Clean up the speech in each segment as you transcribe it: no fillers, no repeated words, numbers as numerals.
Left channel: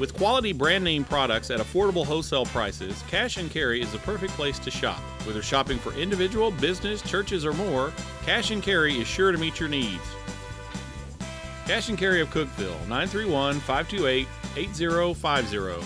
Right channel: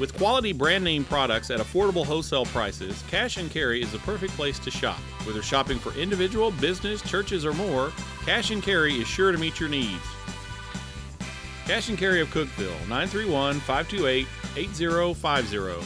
With quality brand name products at affordable wholesale prices, Cash and Carry is the perfect place to shop. Whether shopping for individual, business, churches, or more, Cash and Carry is sure to meet your needs. Cash and Carry of Cookeville, 931-528-8050.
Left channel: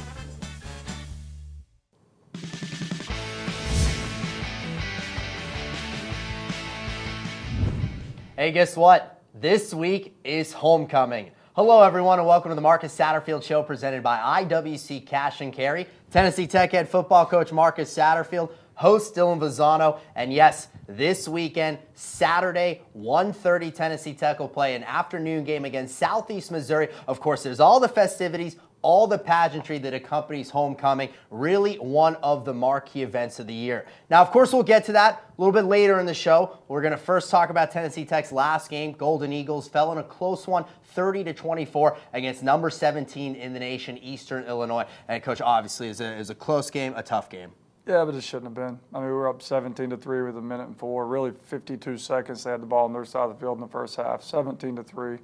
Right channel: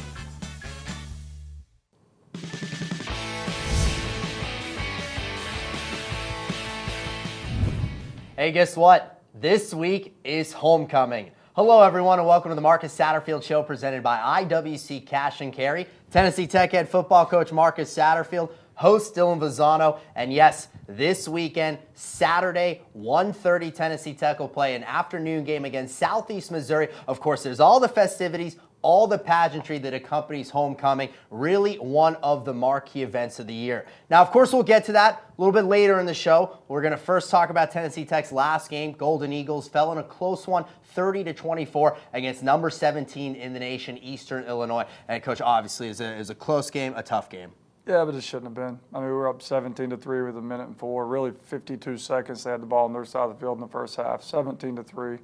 Hey, guess what? This week is homecoming. Hello, everyone, and welcome to the Marcus Satterfield Show presented by IWC Cash and Carry. Tennessee Tech head football coach Marcus Satterfield, host Dylan Vazano, and yes, this weekend, Saturday, 1:30, Tennessee Tech will play an afternoon game against Southeast Missouri. Of course, there's all the festivities, all the pageantry that accompanies homecoming, really one of the marquee events of the year. Now, of course, we'll get to that a little bit later in the show. We're going to first talk about Tennessee Tech's last game. Golden Eagles fell in a close one, 30-24 against number 17 in the nation, Eastern Illinois. And, Coach, obviously, it was a close game, a tough game. Yeah, but it shouldn't have been. I mean, we were up 17-3 with 1:04, really 52 seconds. They had the ball on their side of the field in the first half, 17-3.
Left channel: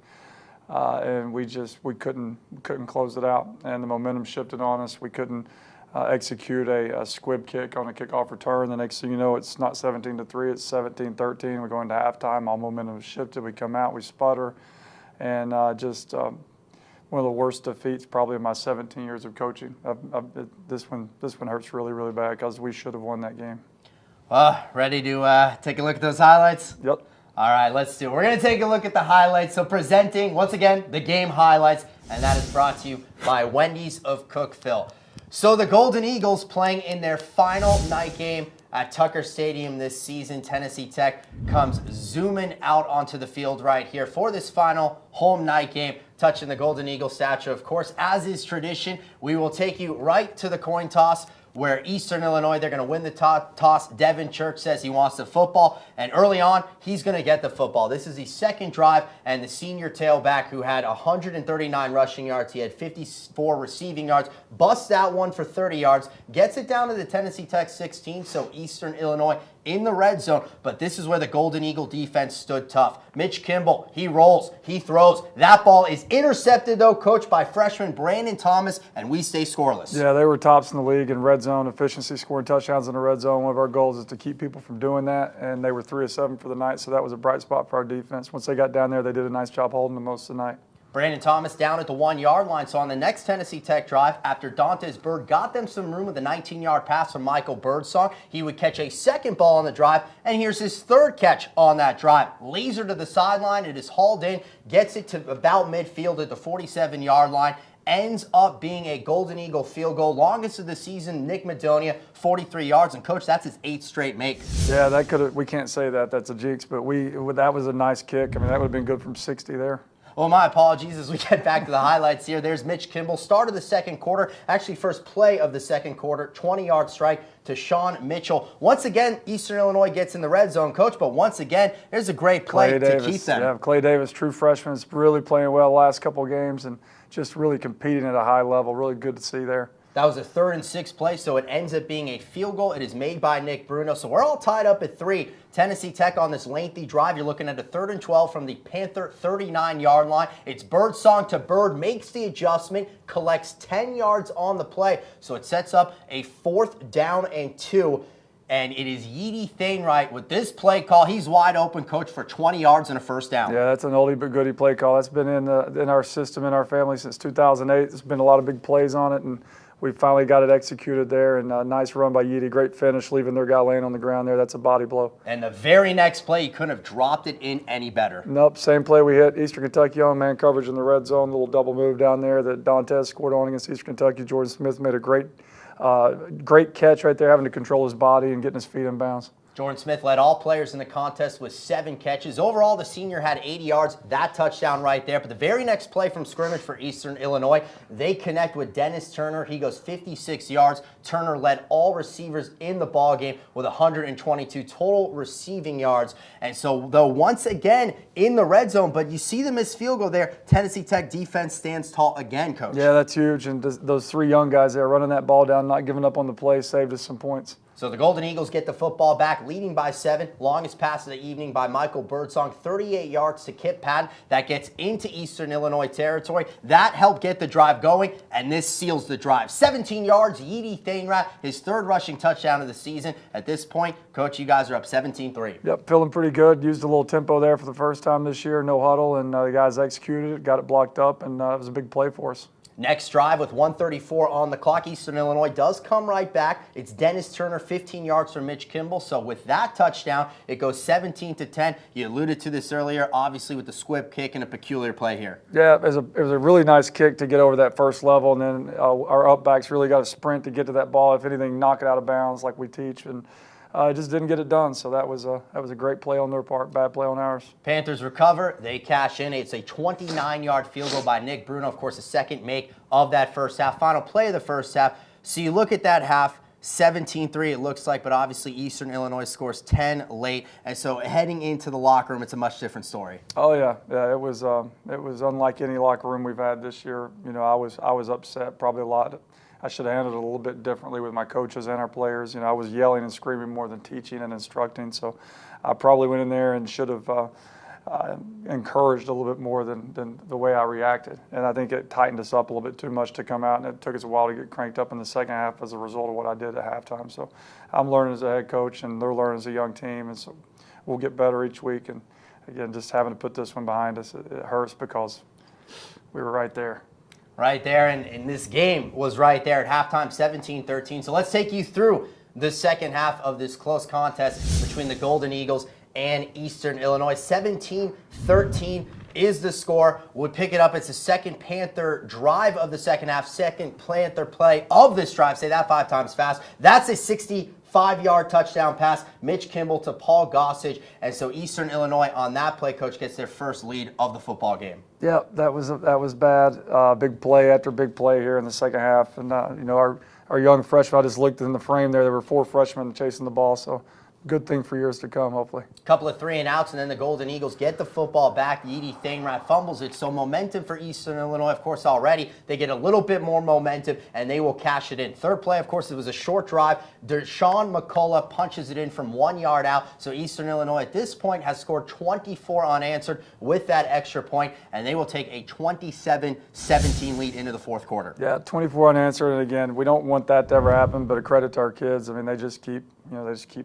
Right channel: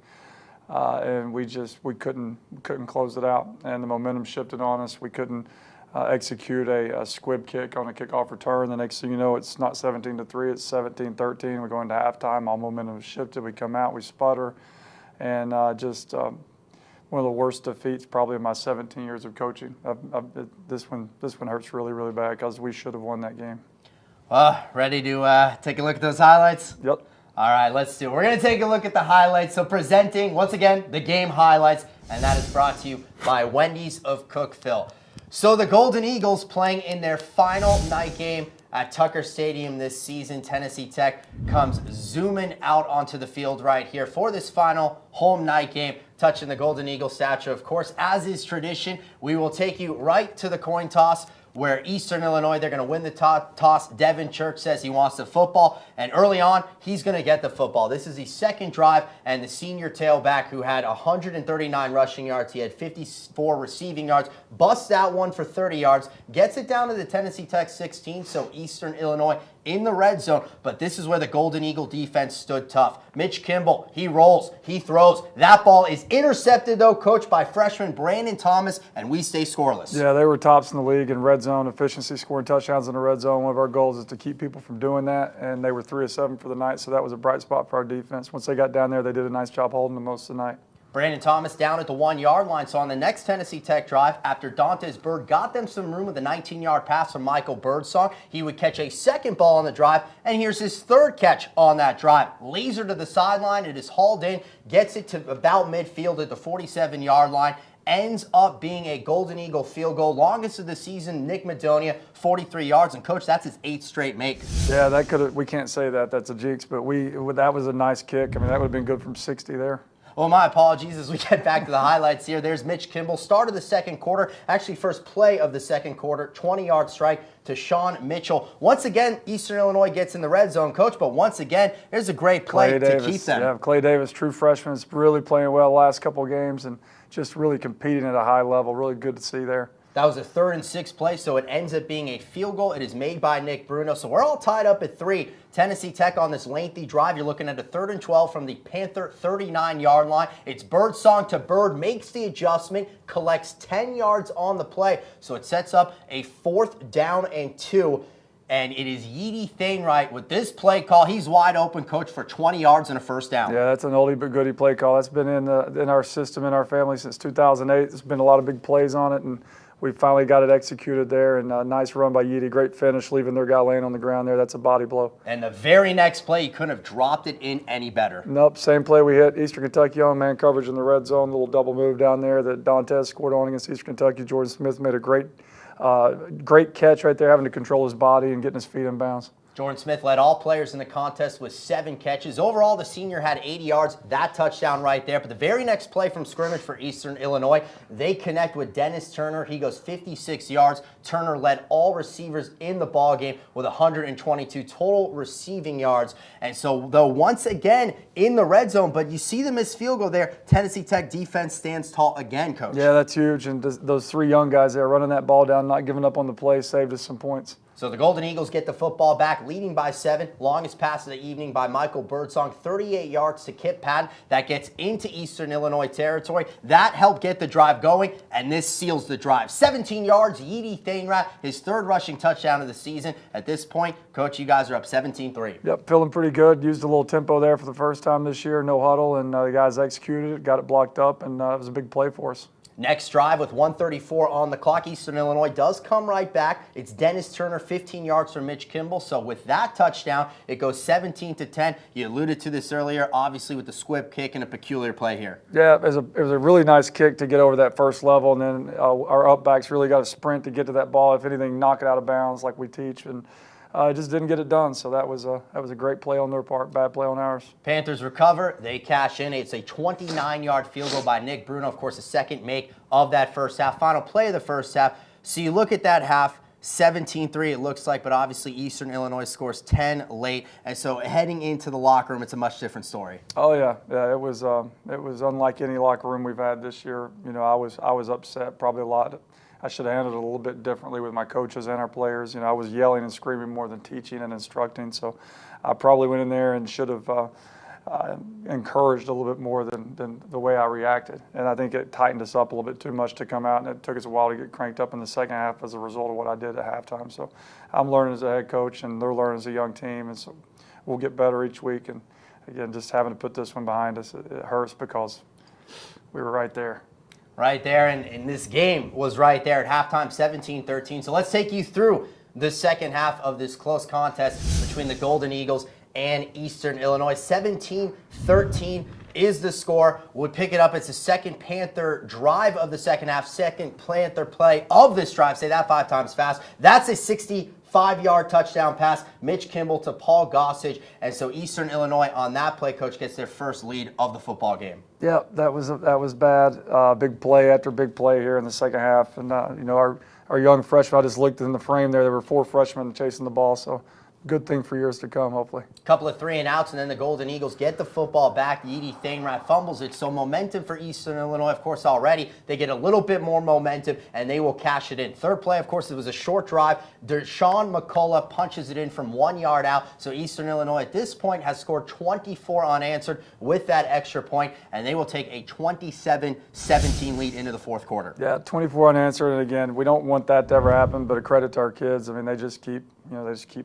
And we couldn't close it out, and the momentum shifted on us. We couldn't execute a squib kick on a kickoff return. The next thing you know, it's not 17-3, it's 17-13. We're going to halftime. All momentum shifted. We come out, we sputter, and one of the worst defeats probably in my 17 years of coaching. This one hurts really, really bad because we should have won that game. Ready to take a look at those highlights? Yep. All right, let's do it. We're going to take a look at the highlights. So presenting, once again, the game highlights, and that is brought to you by Wendy's of Cookeville. So the Golden Eagles playing in their final night game at Tucker Stadium this season. Tennessee Tech comes zooming out onto the field right here for this final home night game, touching the Golden Eagle statue. Of course, as is tradition, we will take you right to the coin toss, where Eastern Illinois, they're going to win the toss. Devin Church says he wants the football, and early on, he's going to get the football. This is the second drive, and the senior tailback who had 139 rushing yards, he had 54 receiving yards, busts that one for 30 yards, gets it down to the Tennessee Tech 16, so Eastern Illinois in the red zone, but this is where the Golden Eagle defense stood tough. Mitch Kimball, he rolls, he throws. That ball is intercepted, though, coached by freshman Brandon Thomas, and we stay scoreless. Yeah, they were tops in the league in red zone efficiency, scoring touchdowns in the red zone. One of our goals is to keep people from doing that, and they were 3 of 7 for the night, so that was a bright spot for our defense. Once they got down there, they did a nice job holding them most of the night. Brandon Thomas down at the 1-yard line. So on the next Tennessee Tech drive, after Dantes Bird got them some room with a 19-yard pass from Michael Birdsong, he would catch a second ball on the drive, and here's his third catch on that drive. Laser to the sideline, it is hauled in, gets it to about midfield at the 47-yard line, ends up being a Golden Eagle field goal. Longest of the season, Nick Madonia, 43 yards. And, Coach, that's his 8th straight make. Yeah, that could have. We can't say that. That's a jinx, but that was a nice kick. I mean, that would have been good from 60 there. Well, my apologies as we get back to the highlights here. There's Mitch Kimball, start of the second quarter, actually first play of the second quarter, 20-yard strike to Sean Mitchell. Once again, Eastern Illinois gets in the red zone, Coach, but once again, there's a great play to keep them. Yeah, Clay Davis, true freshman, is really playing well the last couple of games and just really competing at a high level. Really good to see there. That was a 3rd and 6 play, so it ends up being a field goal. It is made by Nick Bruno. So we're all tied up at 3. Tennessee Tech on this lengthy drive. You're looking at a 3rd and 12 from the Panther 39-yard line. It's Birdsong to Bird, makes the adjustment, collects 10 yards on the play. So it sets up a 4th down and 2. And it is Yeedy Thainwright with this play call. He's wide open, Coach, for 20 yards and a first down. Yeah, that's an oldie but goodie play call. That's been in our system, in our family since 2008. There's been a lot of big plays on it, and we finally got it executed there, and a nice run by Yeedy. Great finish, leaving their guy laying on the ground there. That's a body blow. And the very next play, you couldn't have dropped it in any better. Nope, same play we hit. Eastern Kentucky on man coverage in the red zone. Little double move down there that Dantes scored on against Eastern Kentucky. Jordan Smith made a great catch right there, having to control his body and getting his feet in bounds. Jordan Smith led all players in the contest with 7 catches. Overall, the senior had 80 yards, that touchdown right there. But the very next play from scrimmage for Eastern Illinois, they connect with Dennis Turner. He goes 56 yards. Turner led all receivers in the ballgame with 122 total receiving yards. And so, though, once again in the red zone, but you see the missed field goal there, Tennessee Tech defense stands tall again, Coach. Yeah, that's huge. And those 3 young guys there running that ball down, not giving up on the play, saved us some points. So the Golden Eagles get the football back, leading by 7. Longest pass of the evening by Michael Birdsong, 38 yards to Kip Patton. That gets into Eastern Illinois territory. That helped get the drive going, and this seals the drive. 17 yards, Yeedy Thainrat, his 3rd rushing touchdown of the season. At this point, Coach, you guys are up 17-3. Yep, feeling pretty good. Used a little tempo there for the first time this year, no huddle, and the guys executed it, got it blocked up, and it was a big play for us. Next drive with 1:34 on the clock. Eastern Illinois does come right back. It's Dennis Turner, 15 yards from Mitch Kimball. So with that touchdown, it goes 17-10. You alluded to this earlier, obviously with the squib kick and a peculiar play here. Yeah, it was a really nice kick to get over that first level, and then our up backs really got a sprint to get to that ball. If anything, knock it out of bounds like we teach, and just didn't get it done. So that was a great play on their part, bad play on ours. Panthers recover. They cash in. It's a 29-yard field goal by Nick Bruno. Of course, the second make of that first half. Final play of the first half. So you look at that half, 17-3 it looks like, but obviously Eastern Illinois scores 10 late. And so heading into the locker room, it's a much different story. Oh, yeah. Yeah, it was unlike any locker room we've had this year. You know, I was upset probably a lot. I should have handled it a little bit differently with my coaches and our players. You know, I was yelling and screaming more than teaching and instructing. So I probably went in there and should have encouraged a little bit more than the way I reacted. And I think it tightened us up a little bit too much to come out, and it took us a while to get cranked up in the second half as a result of what I did at halftime. So I'm learning as a head coach, and they're learning as a young team. And so we'll get better each week. And, again, just having to put this one behind us, it hurts because we were right there. Right there, and this game was right there at halftime, 17-13. So let's take you through the second half of this close contest between the Golden Eagles and Eastern Illinois. 17-13 is the score. We'll pick it up. It's the second Panther drive of the second half, second Panther play of this drive. Say that 5 times fast. That's a 65-yard touchdown pass, Mitch Kimball to Paul Gossage. And so Eastern Illinois on that play, Coach, gets their first lead of the football game. Yeah, that was bad. Big play after big play here in the second half. And, you know, our young freshmen, I just looked in the frame there. There were 4 freshmen chasing the ball, so good thing for years to come, hopefully. Couple of 3-and-outs, and then the Golden Eagles get the football back. Yeedy Thainrat fumbles it, so momentum for Eastern Illinois, of course, already. They get a little bit more momentum, and they will cash it in. Third play, of course, it was a short drive. Deshaun McCullough punches it in from 1 yard out, so Eastern Illinois at this point has scored 24 unanswered with that extra point, and they will take a 27-17 lead into the fourth quarter. Yeah, 24 unanswered, and again, we don't want that to ever happen, but a credit to our kids. I mean, they just keep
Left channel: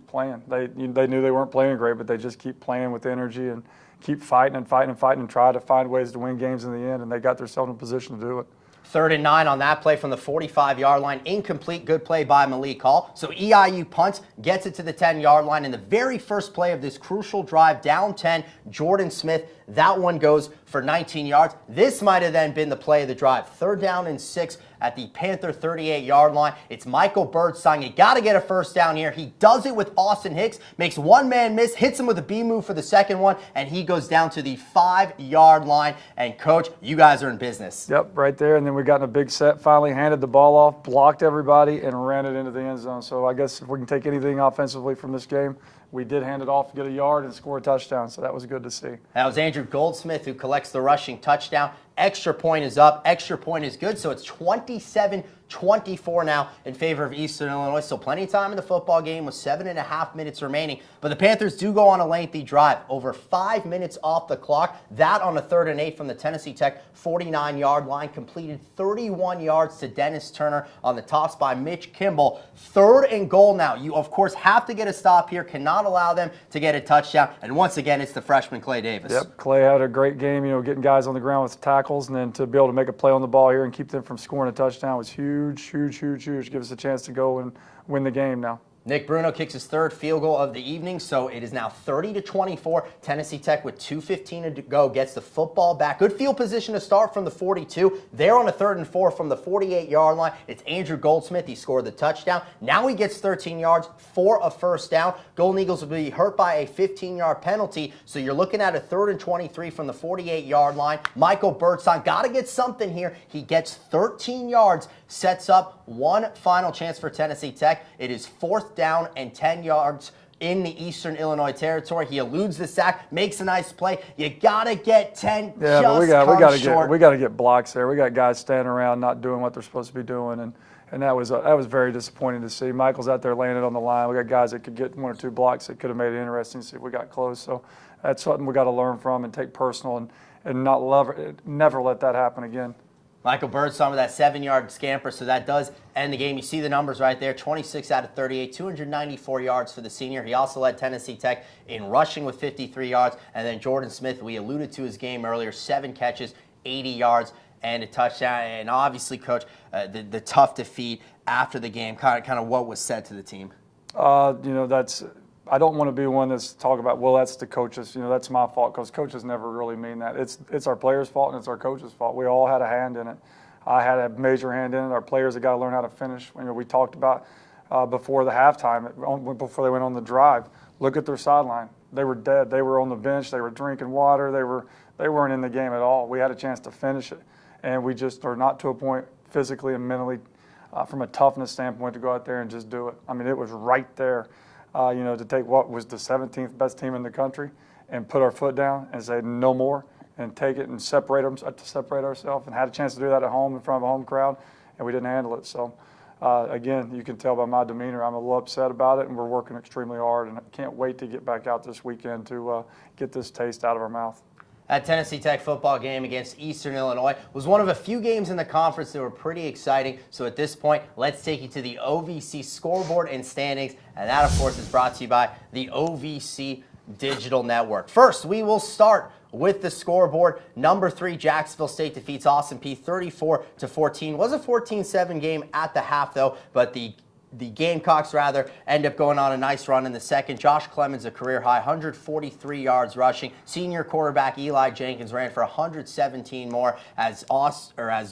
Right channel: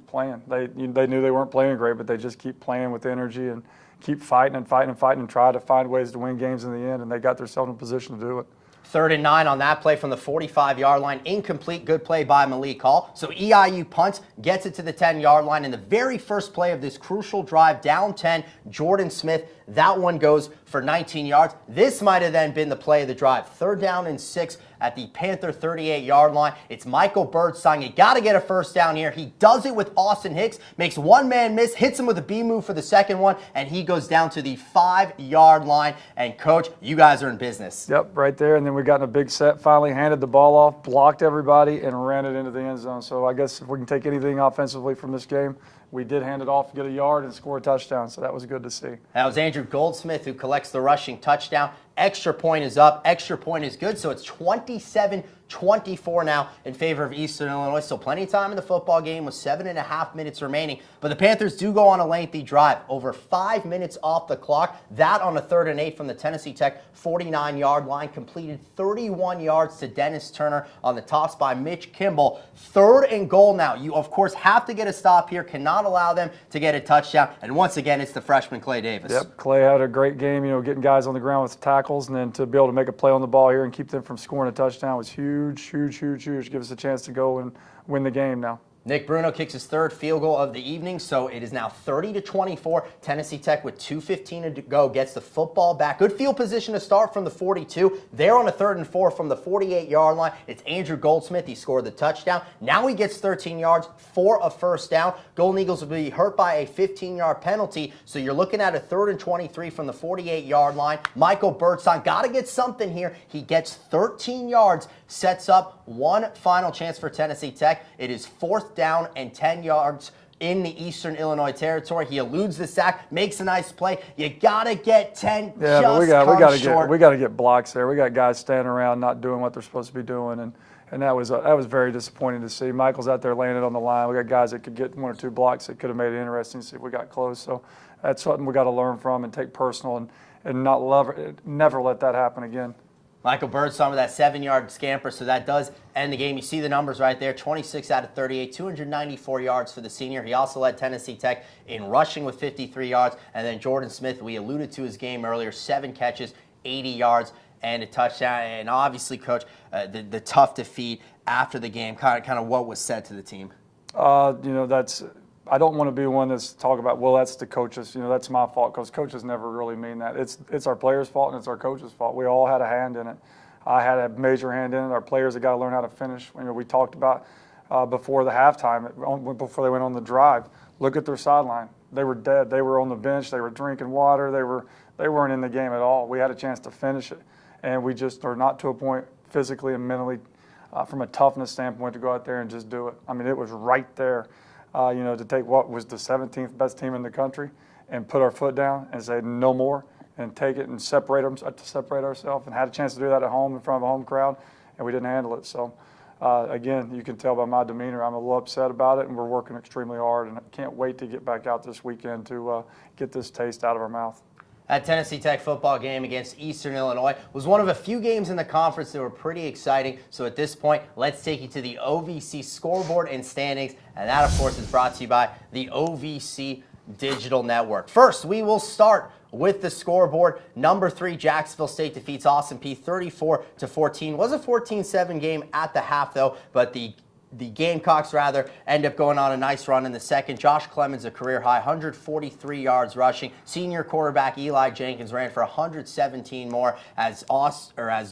playing. They knew they weren't playing great, but they just keep playing with energy and keep fighting and fighting and fighting and try to find ways to win games in the end, and they got themselves in a position to do it. 3rd and 9 on that play from the 45-yard line. Incomplete. Good play by Malik Hall. So EIU punts, gets it to the 10-yard line. In the very first play of this crucial drive, down 10, Jordan Smith, that one goes for 19 yards. This might have then been the play of the drive. 3rd down and 6 at the Panther 38-yard line. It's Michael Birdsong. You got to get a first down here. He does it with Austin Hicks, makes one man miss, hits him with a B move for the second one, and he goes down to the 5-yard line. And, Coach, you guys are in business. Yep, right there. And then we got in a big set, finally handed the ball off, blocked everybody, and ran it into the end zone. So I guess if we can take anything offensively from this game, we did hand it off, get a yard, and score a touchdown. So that was good to see. That was Andrew Goldsmith who collects the rushing touchdown. Extra point is up. Extra point is good. So it's 27-24 now in favor of Eastern Illinois. So plenty of time in the football game with 7.5 minutes remaining. But the Panthers do go on a lengthy drive. Over 5 minutes off the clock. That on a 3rd and 8 from the Tennessee Tech 49-yard line. Completed 31 yards to Dennis Turner on the toss by Mitch Kimball. 3rd and goal now. You, of course, have to get a stop here. Cannot allow them to get a touchdown. And once again, it's the freshman Clay Davis. Yep, Clay had a great game, getting guys on the ground with tackles, and then to be able to make a play on the ball here and keep them from scoring a touchdown was huge, huge, huge, huge. Give us a chance to go and win the game now. Nick Bruno kicks his 3rd field goal of the evening, so it is now 30-24. Tennessee Tech with 2:15 to go gets the football back. Good field position to start from the 42. They're on a 3rd and 4 from the 48-yard line. It's Andrew Goldsmith. He scored the touchdown. Now he gets 13 yards for a first down. Golden Eagles will be hurt by a 15-yard penalty, so you're looking at a 3rd and 23 from the 48-yard line. Michael Birdsong got to get something here. He gets 13 yards, sets up one final chance for Tennessee Tech. It is 4th down and 10 yards in the Eastern Illinois territory. He eludes the sack, makes a nice play. You gotta get 10. Yeah, but we gotta get blocks there. We got guys standing around not doing what they're supposed to be doing, and And that was very disappointing to see. Michael's out there laying it on the line. We got guys that could get 1 or 2 blocks that could have made it interesting to see if we got close. So that's something we got to learn from and take personal and never let that happen again. Michael Birdsong with that 7-yard scamper, so that does end the game. You see the numbers right there, 26 out of 38, 294 yards for the senior. He also led Tennessee Tech in rushing with 53 yards. And then Jordan Smith, we alluded to his game earlier, 7 catches, 80 yards, and a touchdown. And obviously, Coach, the tough defeat after the game, kind of what was said to the team? I don't want to be one that's talk about, well, that's the coaches, that's my fault, because coaches never really mean that. It's our players' fault and it's our coaches' fault. We all had a hand in it. I had a major hand in it. Our players have got to learn how to finish. We talked about before the halftime, before they went on the drive. Look at their sideline. They were dead. They were on the bench. They were drinking water. They weren't in the game at all. We had a chance to finish it, and we just are not to a point physically and mentally, from a toughness standpoint, to go out there and just do it. I mean, it was right there. To take what was the 17th best team in the country and put our foot down and say no more and take it and separate ourselves, and had a chance to do that at home in front of a home crowd, and we didn't handle it. So, again, you can tell by my demeanor, I'm a little upset about it, and we're working extremely hard, and I can't wait to get back out this weekend to get this taste out of our mouth. That Tennessee Tech football game against Eastern Illinois was one of a few games in the conference that were pretty exciting. So at this point, let's take you to the OVC scoreboard and standings. And that, of course, is brought to you by the OVC Digital Network. First, we will start with the scoreboard. Number 3, Jacksonville State defeats Austin Peay 34-14. It was a 14-7 game at the half, though, but the Gamecocks, end up going on a nice run in the second. Josh Clemens, a career-high 143 yards rushing. Senior quarterback Eli Jenkins ran for 117 more as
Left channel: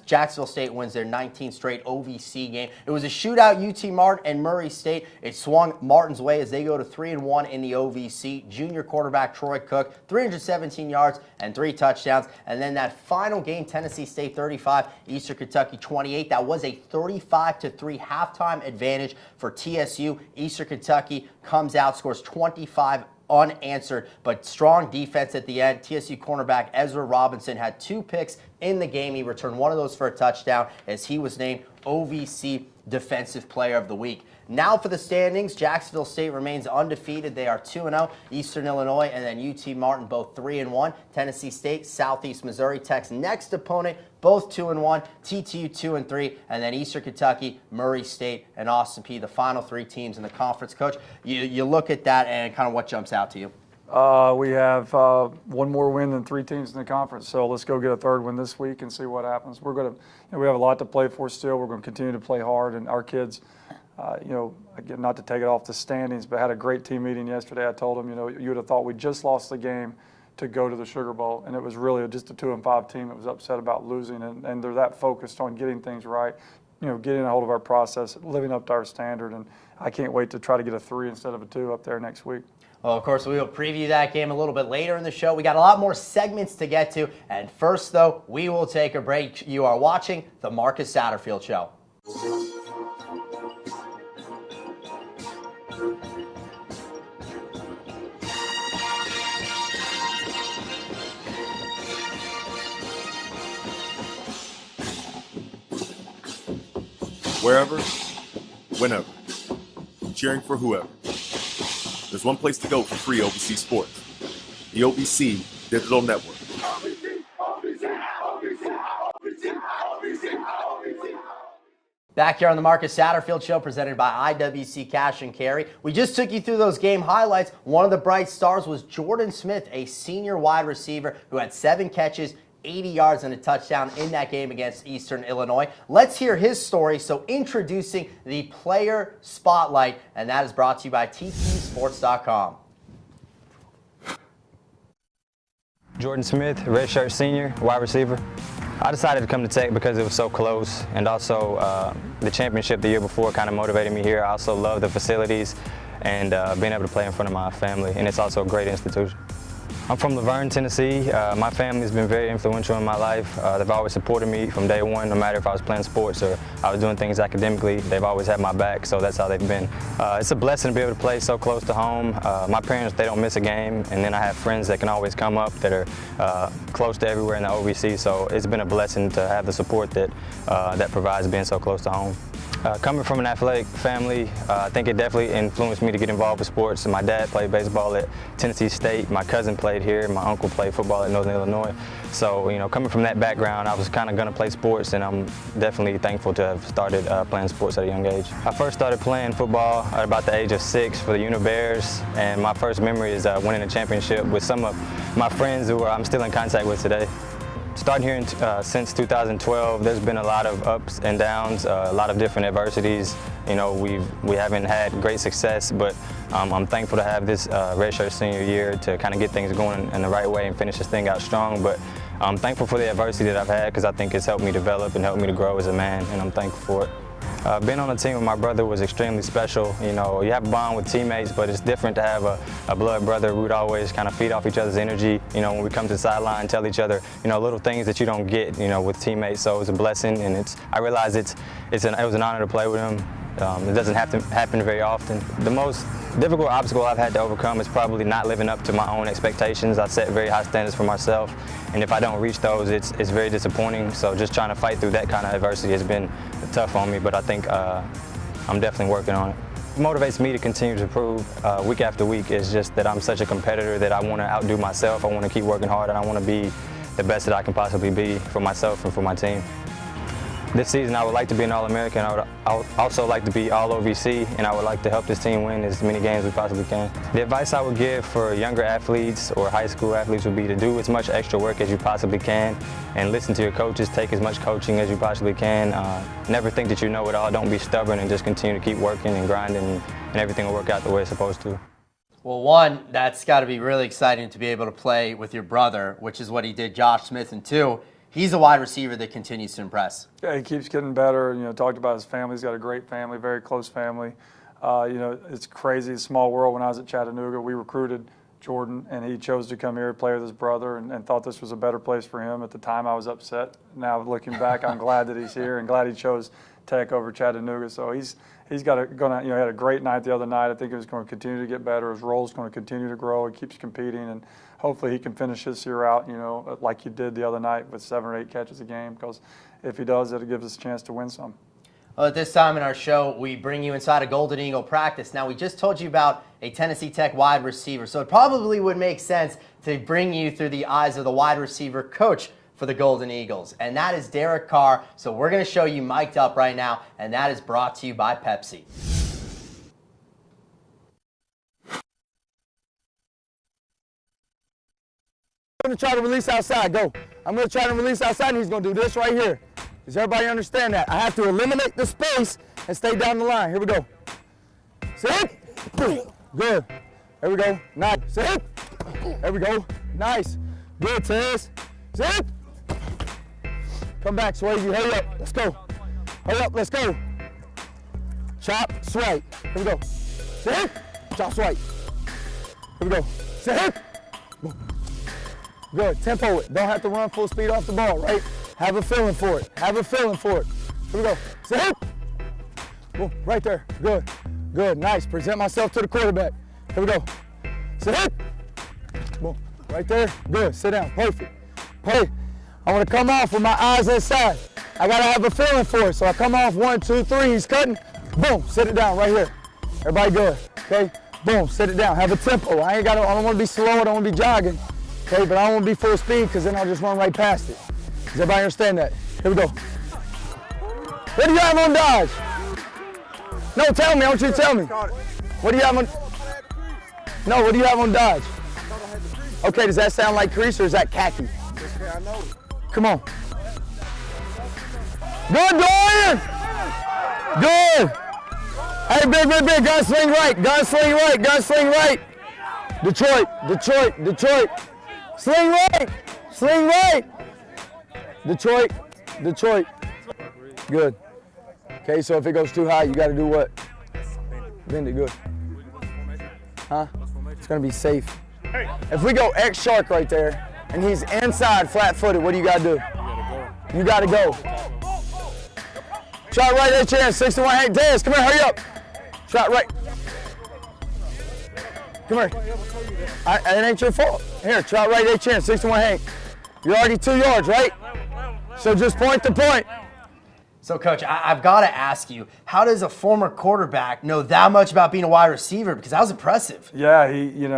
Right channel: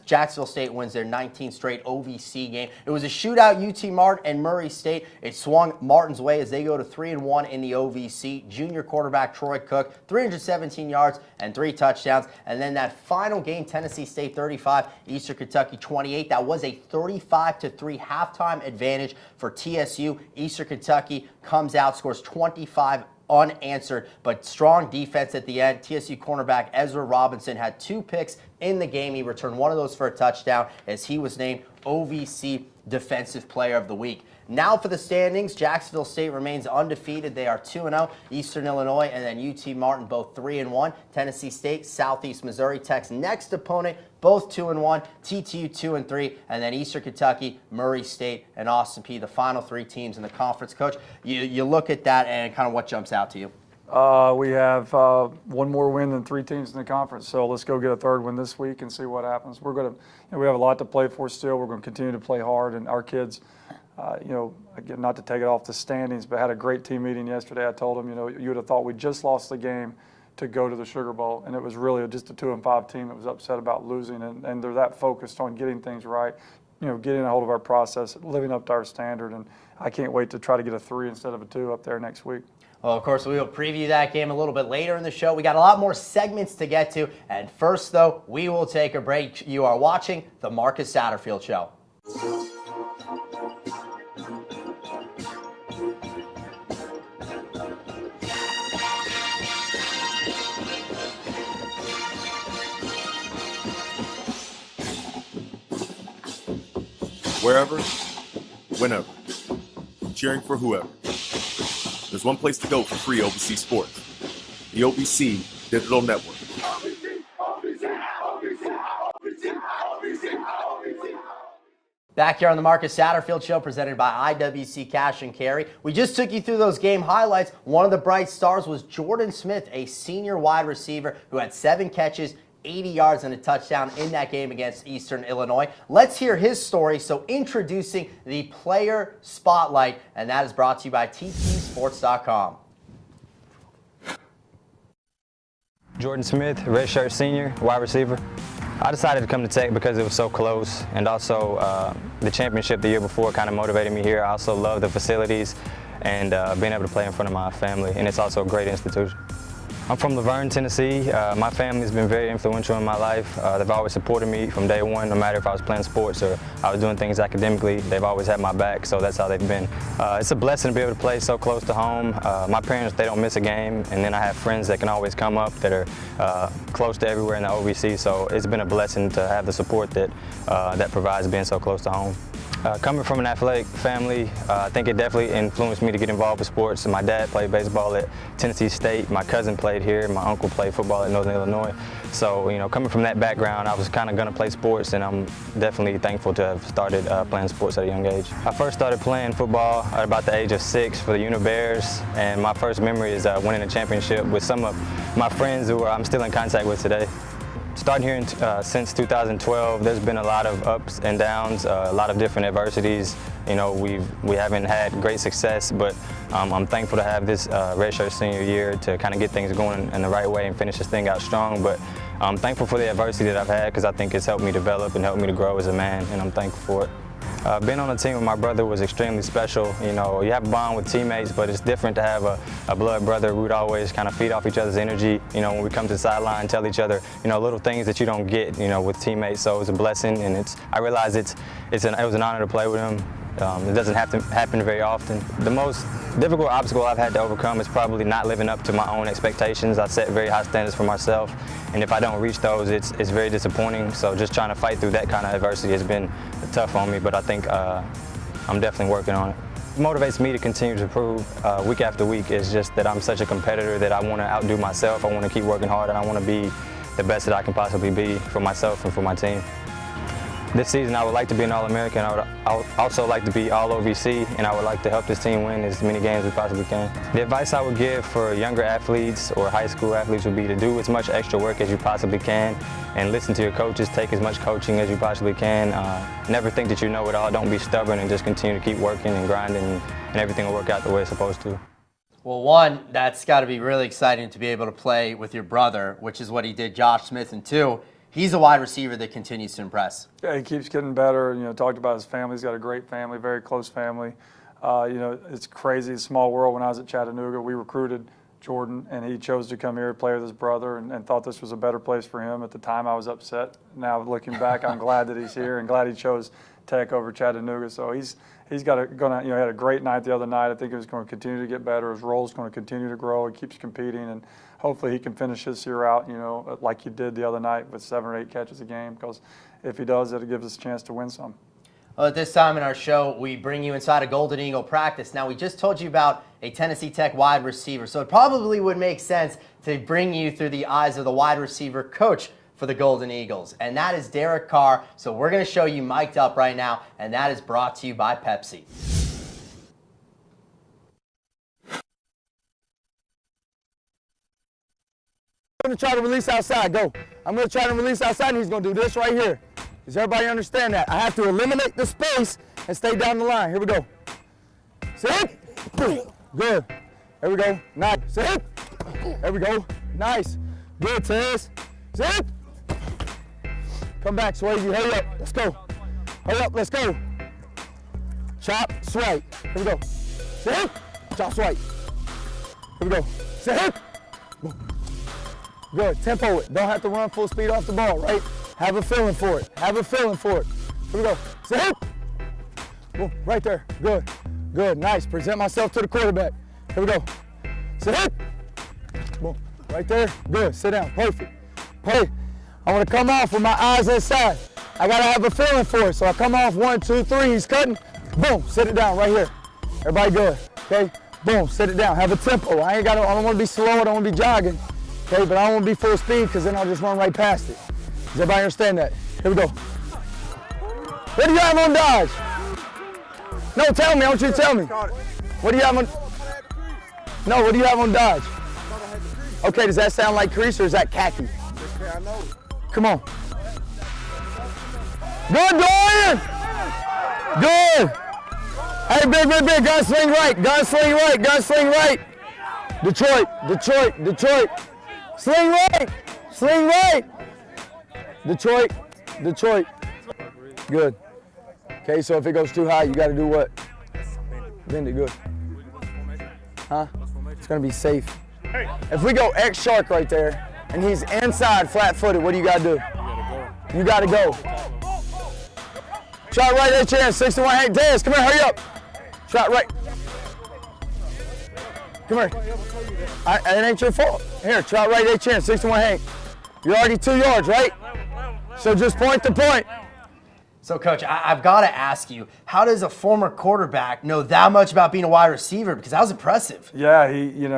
Jacksonville State wins their 19th straight OVC game. It was a shootout, UT Martin and Murray State. It swung Martin's way as they go to 3-1 in the OVC. Junior quarterback Troy Cook, 317 yards and 3 touchdowns. And then that final game, Tennessee State 35, Eastern Kentucky 28. That was a 35-3 halftime advantage for TSU. Eastern Kentucky comes out, scores 25 unanswered, but strong defense at the end. TSU cornerback Ezra Robinson had 2 picks in the game. He returned one of those for a touchdown as he was named OVC Defensive Player of the Week. Now for the standings, Jacksonville State remains undefeated. They are 2-0. Eastern Illinois and then UT Martin both 3-1. Tennessee State, Southeast Missouri Tech's next opponent, both 2-1. TTU 2-3, and then Eastern Kentucky, Murray State, and Austin Peay, the final 3 teams in the conference. Coach, you look at that and kind of what jumps out to you? We have 1 more win than 3 teams in the conference, so let's go get a 3rd win this week and see what happens. We have a lot to play for still. We're going to continue to play hard, and our kids, again, not to take it off the standings, but had a great team meeting yesterday. I told them, you would have thought we just lost the game to go to the Sugar Bowl, and it was really just a 2-5 team that was upset about losing, and they're that focused on getting things right, getting a hold of our process, living up to our standard, and I can't wait to try to get a 3 instead of a 2 up there next week. Well, of course, we will preview that game a little bit later in the show. We got a lot more segments to get to, and first, though, we will take a break. You are watching The Marcus Satterfield Show. Wherever, whenever, cheering for whoever. There's one place to go for free OVC sports, the OVC Digital Network. Back here on the Marcus Satterfield Show, presented by IWC Cash and Carry. We just took you through those game highlights. One of the bright stars was Jordan Smith, a senior wide receiver who had 7 catches, 80 yards and a touchdown in that game against Eastern Illinois. Let's hear his story. So introducing the Player Spotlight, and that is brought to you by TTSports.com. Jordan Smith, redshirt senior, wide receiver. I decided to come to Tech because it was so close, and also the championship the year before kind of motivated me here. I also love the facilities and being able to play in front of my family, and it's also a great institution. I'm from Laverne, Tennessee. My family's been very influential in my life. They've always supported me from day one, no matter if I was playing sports or I was doing things academically. They've always had my back, so that's how they've been. It's a blessing to be able to play so close to home. My parents, they don't miss a game, and then I have friends that can always come up that are close to everywhere in the OVC, so it's been a blessing to have the support that provides being so close to home. Coming from an athletic family, I think it definitely influenced me to get involved with sports. My dad played baseball at Tennessee State. My cousin played here. My uncle played football at Northern Illinois. So, you know, coming from that background, I was kind of going to play sports, and I'm definitely thankful to have started playing sports at a young age. I first started playing football at about the age of 6 for the Uni Bears, and my first memory is winning a championship with some of my friends who I'm still in contact with today. Starting here since 2012, there's been a lot of ups and downs, a lot of different adversities. You know, we haven't had great success, but I'm thankful to have this redshirt senior year to kind of get things going in the right way and finish this thing out strong. But I'm thankful for the adversity that I've had because I think it's helped me develop and helped me to grow as a man, and I'm thankful for it. Being on a team with my brother was extremely special. You know, you have a bond with teammates, but it's different to have a blood brother. We would always kind of feed off each other's energy. You know, when we come to the sideline, tell each other, you know, little things that you don't get, you know, with teammates. So it was a blessing, and I realize it was an honor to play with him. It doesn't have to happen very often. The most difficult obstacle I've had to overcome is probably not living up to my own expectations. I set very high standards for myself, and if I don't reach those, it's very disappointing. So just trying to fight through that kind of adversity has been tough on me, but I think I'm definitely working on it. What motivates me to continue to improve week after week is just that I'm such a competitor that I want to outdo myself. I want to keep working hard, and I want to be the best that I can possibly be for myself and for my team. This season, I would like to be an All-American. I would also like to be All-OVC, and I would like to help this team win as many games as we possibly can. The advice I would give for younger athletes or high school athletes would be to do as much extra work as you possibly can and listen to your coaches, take as much coaching as you possibly can. Never think that you know it all. Don't be stubborn, and just continue to keep working and grinding, and everything will work out the way it's supposed to. Well, one, that's got to be really exciting to be able to play with your brother, which is what he did, Josh Smith, and two, he's a wide receiver that continues to impress. Yeah, he keeps getting better. You know, talked about his family. He's got a great family, very close family. You know, it's crazy, a small world. When I was at Chattanooga, we recruited Jordan, and he chose to come here to play with his brother, and thought this was a better place for him. At the time, I was upset. Now, looking back, I'm glad that he's here and glad he chose Tech over Chattanooga. So he's got he had a great night the other night. I think he's going to continue to get better. His role's going to continue to grow. He keeps competing, and hopefully he can finish this year out, you know, like he did the other night with 7 or 8 catches a game, because if he does, it'll give us a chance to win some. Well, at this time in our show, we bring you inside a Golden Eagle practice. Now, we just told you about a Tennessee Tech wide receiver, so it probably would make sense to bring you through the eyes of the wide receiver coach for the Golden Eagles, and that is Derek Carr. So we're going to show you mic'd up right now, and that is brought to you by Pepsi. I'm going to try to release outside. Go. I'm going to try to release outside, and he's going to do this right here. Does everybody understand that? I have to eliminate the space and stay down the line. Here we go. Sit. Good. There we go. Nice. Sit. There we go. Nice. Good, Tez. Sit. Come back, Swayze. Hurry up. Let's go. Hurry up. Let's go. Chop, swipe. Here we go. Sit. Chop, swipe. Here we go. Sit. Good. Tempo it. Don't have to run full speed off the ball, right? Have a feeling for it. Have a feeling for it. Here we go. Sit. Boom. Right there. Good. Good. Nice. Present myself to the quarterback. Here we go. Sit. Boom. Right there. Good. Sit down. Perfect. Hey, I want to come off with my eyes inside. I got to have a feeling for it. So I come off 1, 2, 3. He's cutting. Boom. Sit it down right here. Everybody good. Okay. Boom. Sit it down. Have a tempo. I don't want to be slow. I don't want to be jogging. Okay, but I don't want to be full speed, because then I'll just run right past it. Does everybody understand that? Here we go. What do you have on dodge? No, tell me. I want you to tell me. What do you have on? No, what do you have on dodge? Okay, does that sound like crease, or is that khaki? I know. Come on. Good, Dorian. Good. Hey, big. Gunsling right. Gunsling right. Gunsling right. Detroit. Sling right. Sling right. Detroit. Good. Okay, so if it goes too high, you got to do what? Bend it good. Huh? It's going to be safe. If we go X shark right there, and he's inside flat-footed, what do you got to do? You got to go. Shot right at chance, 61. Hey, Dez, come here, hurry up. Shot right. Come here. It ain't your fault. Here, try right at chance, 61 Hank. You're already 2 yards, right? So just point to point. So, Coach, I've got to ask you, how does a former quarterback know that much about being a wide receiver? Because that was impressive. Yeah,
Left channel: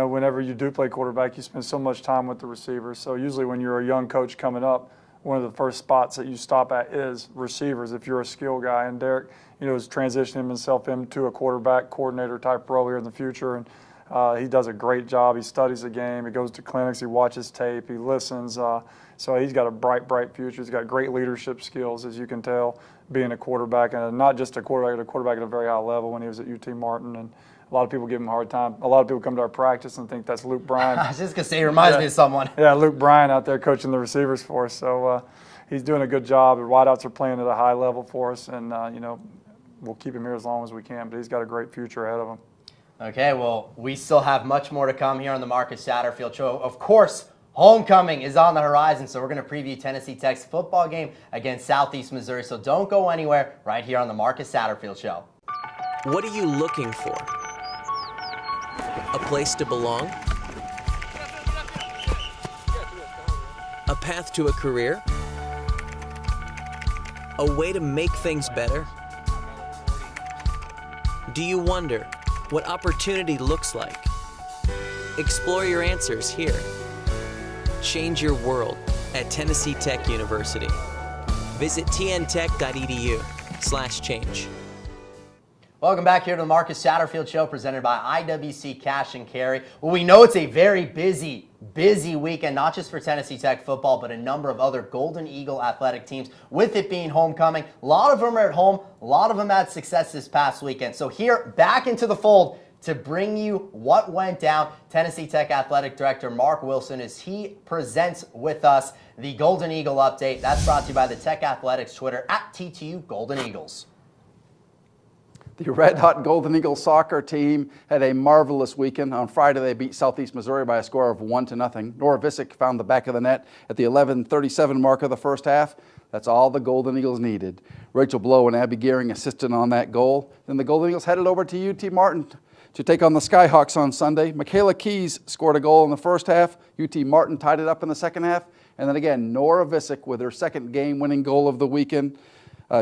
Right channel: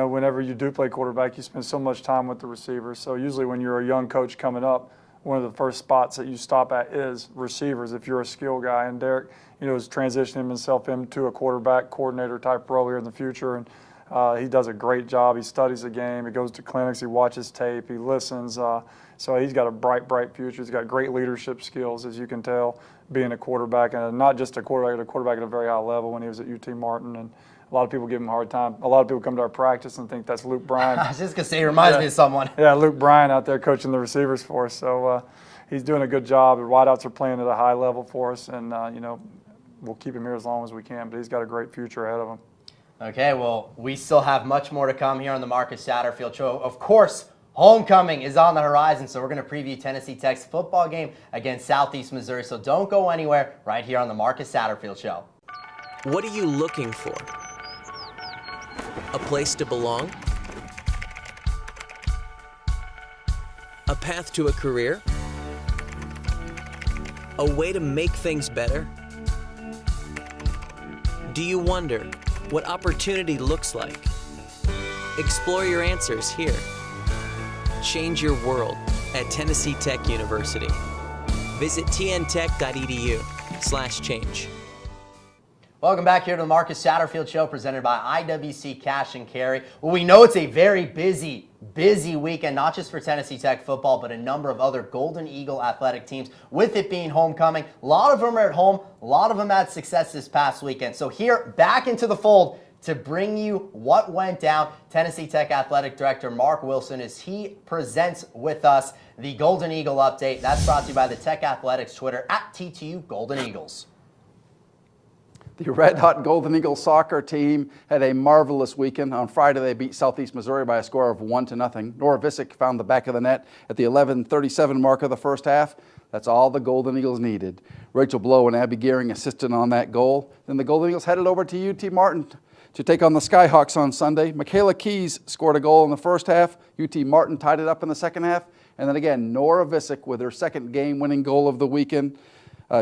whenever you do play quarterback, you spend so much time with the receivers. So usually when you're a young coach coming up, one of the first spots that you stop at is receivers if you're a skill guy. And Derek, is transitioning himself into a quarterback coordinator type role here in the future. And he does a great job. He studies the game. He goes to clinics. He watches tape. He listens. So he's got a bright future. He's got great leadership skills, as you can tell, being a quarterback, and not just a quarterback at a very high level when he was at UT Martin. And a lot of people give him a hard time. A lot of people come to our practice and think that's Luke Bryan. I was just going to say, he reminds me of someone. Yeah, Luke Bryan out there coaching the receivers for us. So he's doing a good job. The wideouts are playing at a high level for us, and, we'll keep him here as long as we can. But he's got a great future ahead of him. Okay, well, we still have much more to come here on the Marcus Satterfield Show. Of course, homecoming is on the horizon, so we're going to preview Tennessee Tech's football game against Southeast Missouri. So don't go anywhere, right here on the Marcus Satterfield Show. What are you looking for? A place to belong? A path to a career? A way to make things better? Do you wonder what opportunity looks like? Explore your answers here. Change your world at Tennessee Tech University. Visit tntech.edu/change. Welcome back here to the Marcus Satterfield Show, presented by IWC Cash and Carry. Well, we know it's a very busy weekend, not just for Tennessee Tech football, but a number of other Golden Eagle athletic teams. With it being homecoming, a lot of them are at home. A lot of them had success this past weekend. So here, back into the fold to bring you what went down, Tennessee Tech Athletic Director Mark Wilson, as he presents with us the Golden Eagle update. That's brought to you by the Tech Athletics Twitter at TTU Golden Eagles. The red-hot Golden Eagles soccer team had a marvelous weekend. On Friday, they beat Southeast Missouri by a score of 1-0. Nora Visick found the back of the net at the 11:37 mark of the first half. That's all the Golden Eagles needed. Rachel Blow and Abby Gearing assisted on that goal. Then the Golden Eagles headed over to UT Martin to take on the Skyhawks on Sunday. Michaela Keys scored a goal in the first half. UT Martin tied it up in the second half. And then again, Nora Visick with her second game-winning goal of the weekend.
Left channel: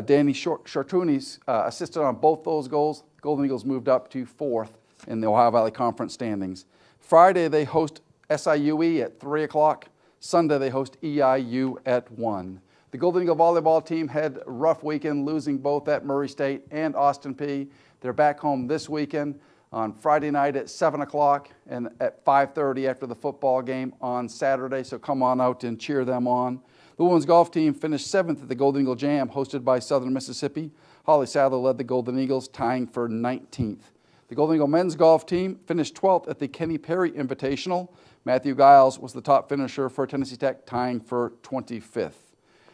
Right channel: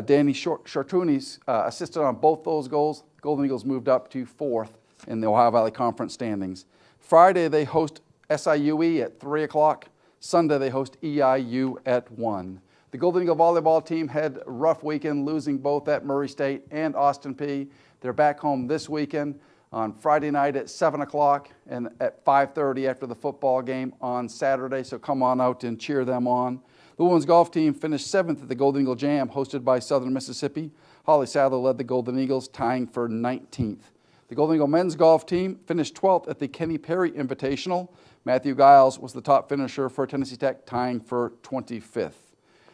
Danny Chartounis assisted on both those goals. Golden Eagles moved up to 4th in the Ohio Valley Conference standings. Friday, they host SIUE at 3 o'clock. Sunday, they host EIU at 1. The Golden Eagle volleyball team had a rough weekend, losing both at Murray State and Austin Peay. They're back home this weekend on Friday night at 7 o'clock and at 5:30 after the football game on Saturday, so come on out and cheer them on. The women's golf team finished 7th at the Golden Eagle Jam, hosted by Southern Mississippi. Holly Sadler led the Golden Eagles, tying for 19th. The Golden Eagle men's golf team finished 12th at the Kenny Perry Invitational. Matthew Giles was the top finisher for Tennessee Tech, tying for 25th.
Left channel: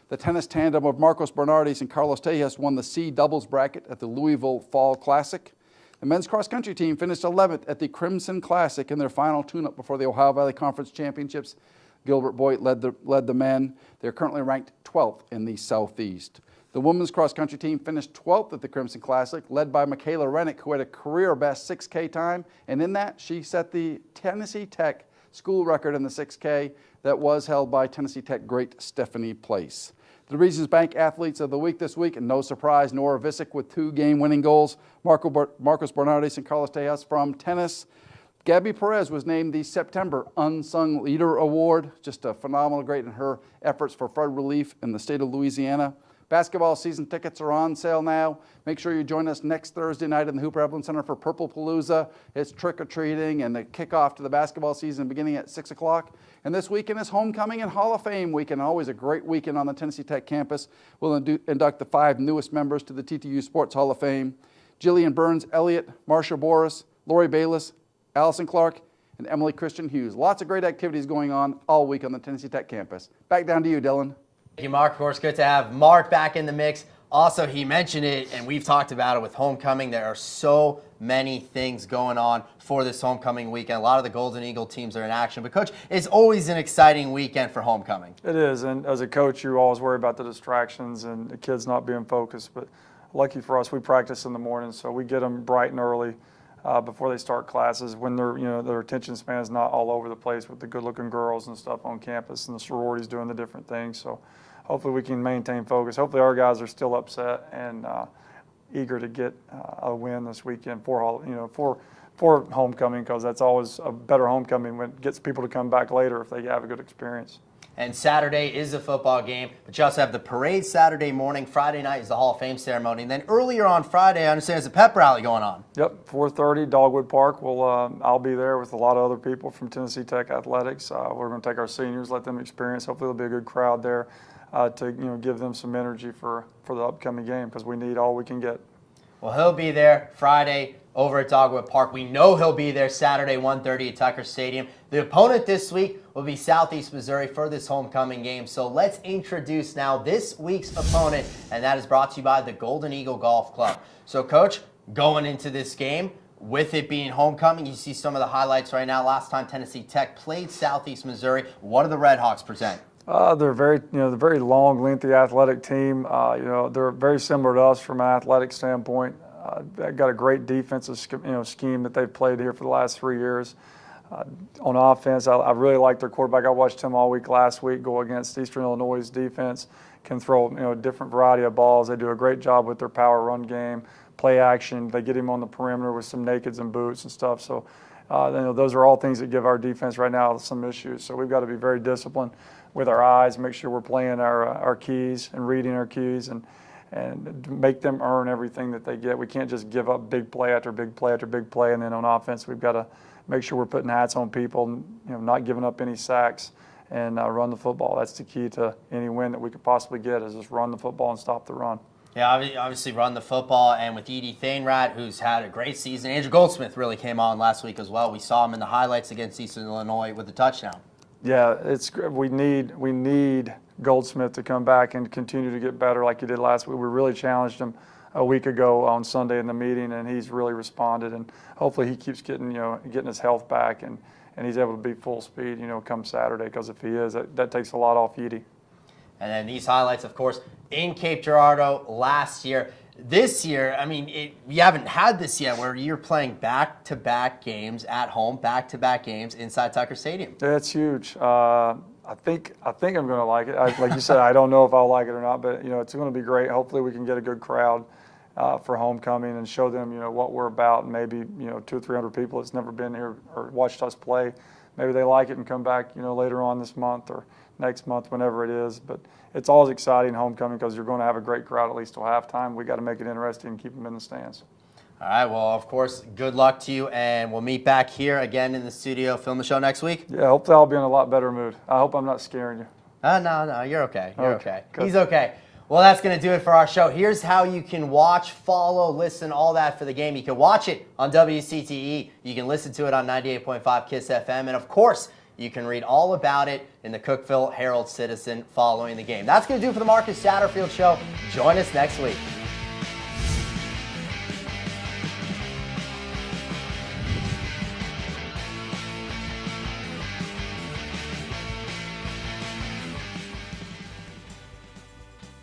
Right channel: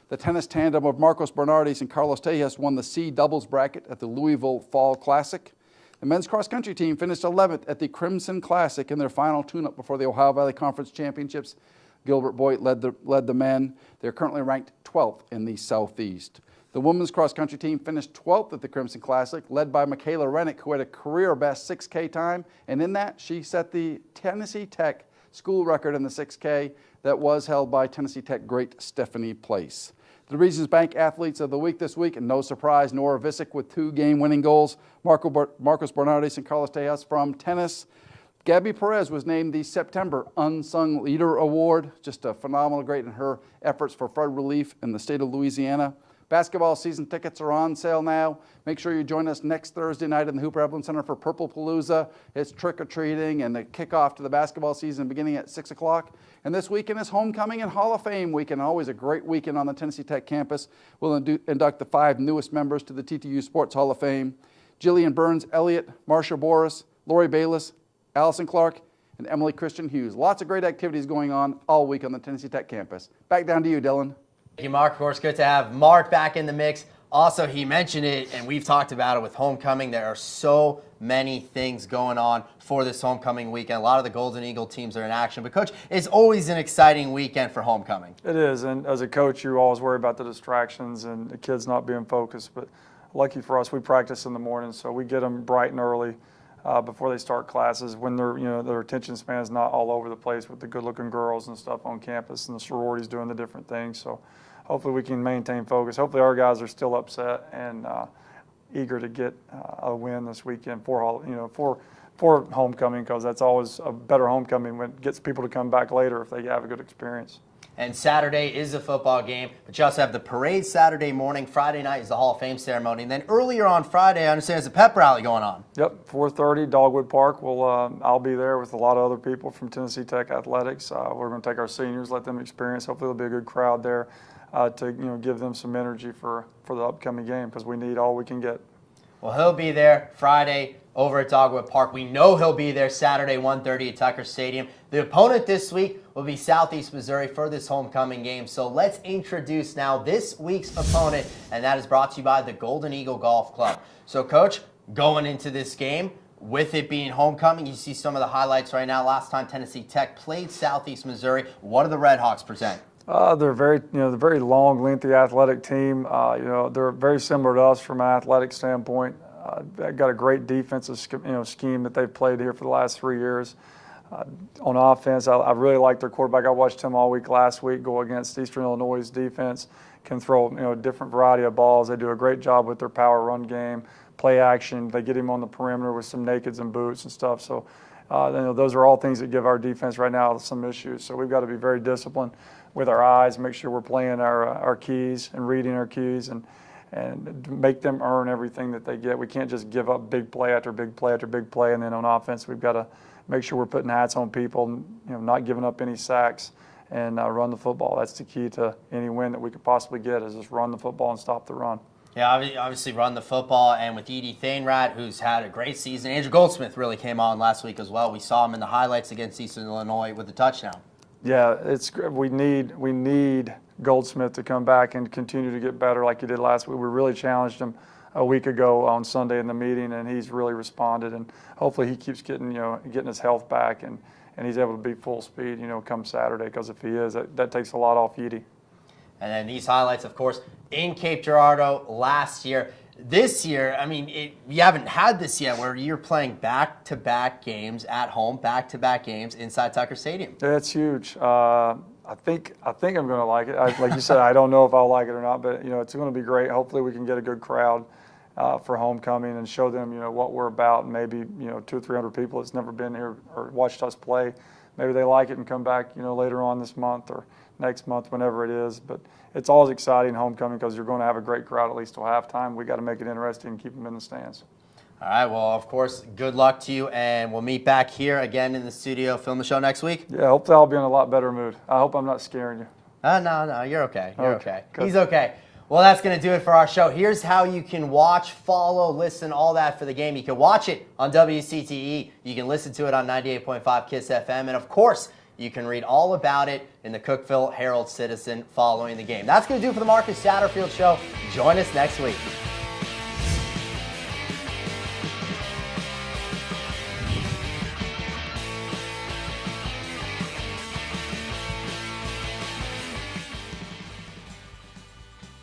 The tennis tandem of Marcos Bernardis and Carlos Tejas won the C doubles bracket at the Louisville Fall Classic. The men's cross-country team finished 11th at the Crimson Classic in their final tune-up before the Ohio Valley Conference Championships. Gilbert Boyd led the men. They're currently ranked 12th in the Southeast. The women's cross-country team finished 12th at the Crimson Classic, led by Michaela Rennick, who had a career-best 6K time. And in that, she set the Tennessee Tech school record in the 6K that was held by Tennessee Tech great Stephanie Place. The Regions Bank Athletes of the Week this week, and no surprise, Nora Visick with 2 game-winning goals, Marcos Bernardis and Carlos Tejas from tennis. Gabby Perez was named the September Unsung Leader Award. Just a phenomenal, great in her efforts for flood relief in the state of Louisiana. Basketball season tickets are on sale now. Make sure you join us next Thursday night in the Hooper Evelyn Center for Purple Palooza. It's trick-or-treating and the kickoff to the basketball season beginning at 6 o'clock. And this weekend is Homecoming and Hall of Fame weekend. Always a great weekend on the Tennessee Tech campus. We'll induct the 5 newest members to the TTU Sports Hall of Fame. Jillian Burns Elliott, Marsha Boris, Lori Bayless, Allison Clark, and Emily Christian Hughes. Lots of great activities going on all week on the Tennessee Tech campus. Back down to you, Dylan. Thank you, Mark. Of course, good to have Mark back in the mix. Also, he mentioned it, and we've talked about it with homecoming. There are so many things going on for this homecoming weekend. A lot of the Golden Eagle teams are in action. But, Coach, it's always an exciting weekend for homecoming. It is, and as a coach, you always worry about the distractions and the kids not being focused. But lucky for us, we practice in the morning, so we get them bright and early. Before they start classes, when their attention span is not all over the place with the good-looking girls and stuff on campus and the sororities doing the different things. So hopefully we can maintain focus. Hopefully our guys are still upset and eager to get a win this weekend for homecoming, because that's always a better homecoming when it gets people to come back later if they have a good experience. And Saturday is a football game, but you also have the parade Saturday morning. Friday night is the Hall of Fame ceremony. And then earlier on Friday, I understand there's a pep rally going on. Yep, 4:30, Dogwood Park. I'll be there with a lot of other people from Tennessee Tech Athletics. We're going to take our seniors, let them experience. Hopefully there'll be a good crowd there to give them some energy for the upcoming game, because we need all we can get. Well, he'll be there Friday over at Dogwood Park. We know he'll be there Saturday, 1:30 at Tucker Stadium. The opponent this week will be Southeast Missouri for this homecoming game. So let's introduce now this week's opponent, and that is brought to you by the Golden Eagle Golf Club. So, Coach, going into this game, with it being homecoming, you see some of the highlights right now. Last time Tennessee Tech played Southeast Missouri, what do the Red Hawks present? They're they're very long, lengthy athletic team. They're very similar to us from an athletic standpoint. They've got a great defensive scheme that they've played here for the last 3 years. On offense, I really like their quarterback. I watched him all week last week go against Eastern Illinois' defense. Can throw a different variety of balls. They do a great job with their power run game, play action. They get him on the perimeter with some nakeds and boots and stuff. So those are all things that give our defense right now some issues. So we've got to be very disciplined with our eyes, make sure we're playing our keys and reading our keys, and make them earn everything that they get. We can't just give up big play after big play after big play, and then on offense we've got to make sure we're putting hats on people, not giving up any sacks, and run the football. That's the key to any win that we could possibly get, is just run the football and stop the run. Yeah, obviously run the football, and with Edie Thainrad, who's had a great season. Andrew Goldsmith really came on last week as well. We saw him in the highlights against Eastern Illinois with the touchdown. Yeah, we need Goldsmith to come back and continue to get better like he did last week. We really challenged him a week ago on Sunday in the meeting, and he's really responded. And hopefully he keeps getting his health back, and he's able to be full speed, come Saturday. Because if he is, that takes a lot off Edie. And then these highlights, of course, in Cape Girardeau last year. This year, we haven't had this yet, where you're playing back-to-back games at home, back-to-back games inside Tucker Stadium. Yeah, it's huge. I think I'm going to like it. Like you said, I don't know if I'll like it or not, but it's going to be great. Hopefully, we can get a good crowd for homecoming and show them, what we're about. And maybe 200 or 300 people that's never been here or watched us play, maybe they like it and come back, later on this month or next month, whenever it is. But it's always exciting homecoming, because you're going to have a great crowd at least till halftime. We got to make it interesting and keep them in the stands. All right, well, of course, good luck to you, and we'll meet back here again in the studio, film the show next week. Yeah, hopefully I'll be in a lot better mood. I hope I'm not scaring you. No, you're okay. You're okay. Good. He's okay. Well, that's going to do it for our show. Here's how you can watch, follow, listen, all that for the game. You can watch it on WCTE. You can listen to it on 98.5 KISS FM. And, of course, you can read all about it in the Cookeville Herald-Citizen following the game. That's going to do it for the Marcus Satterfield Show. Join us next week.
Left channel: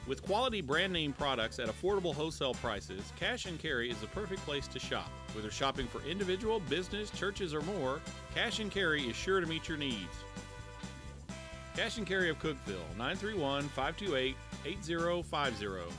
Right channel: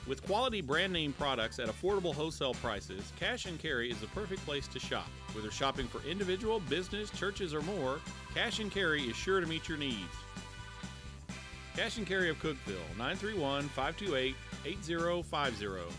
With quality brand name products at affordable wholesale prices, Cash and Carry is the perfect place to shop. Whether shopping for individual, business, churches, or more, Cash and Carry is sure to meet your needs. Cash and Carry of Cookeville, 931-528-8050.